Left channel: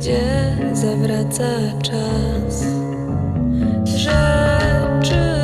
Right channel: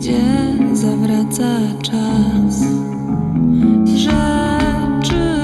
gdzie zawraca czas rzeczy.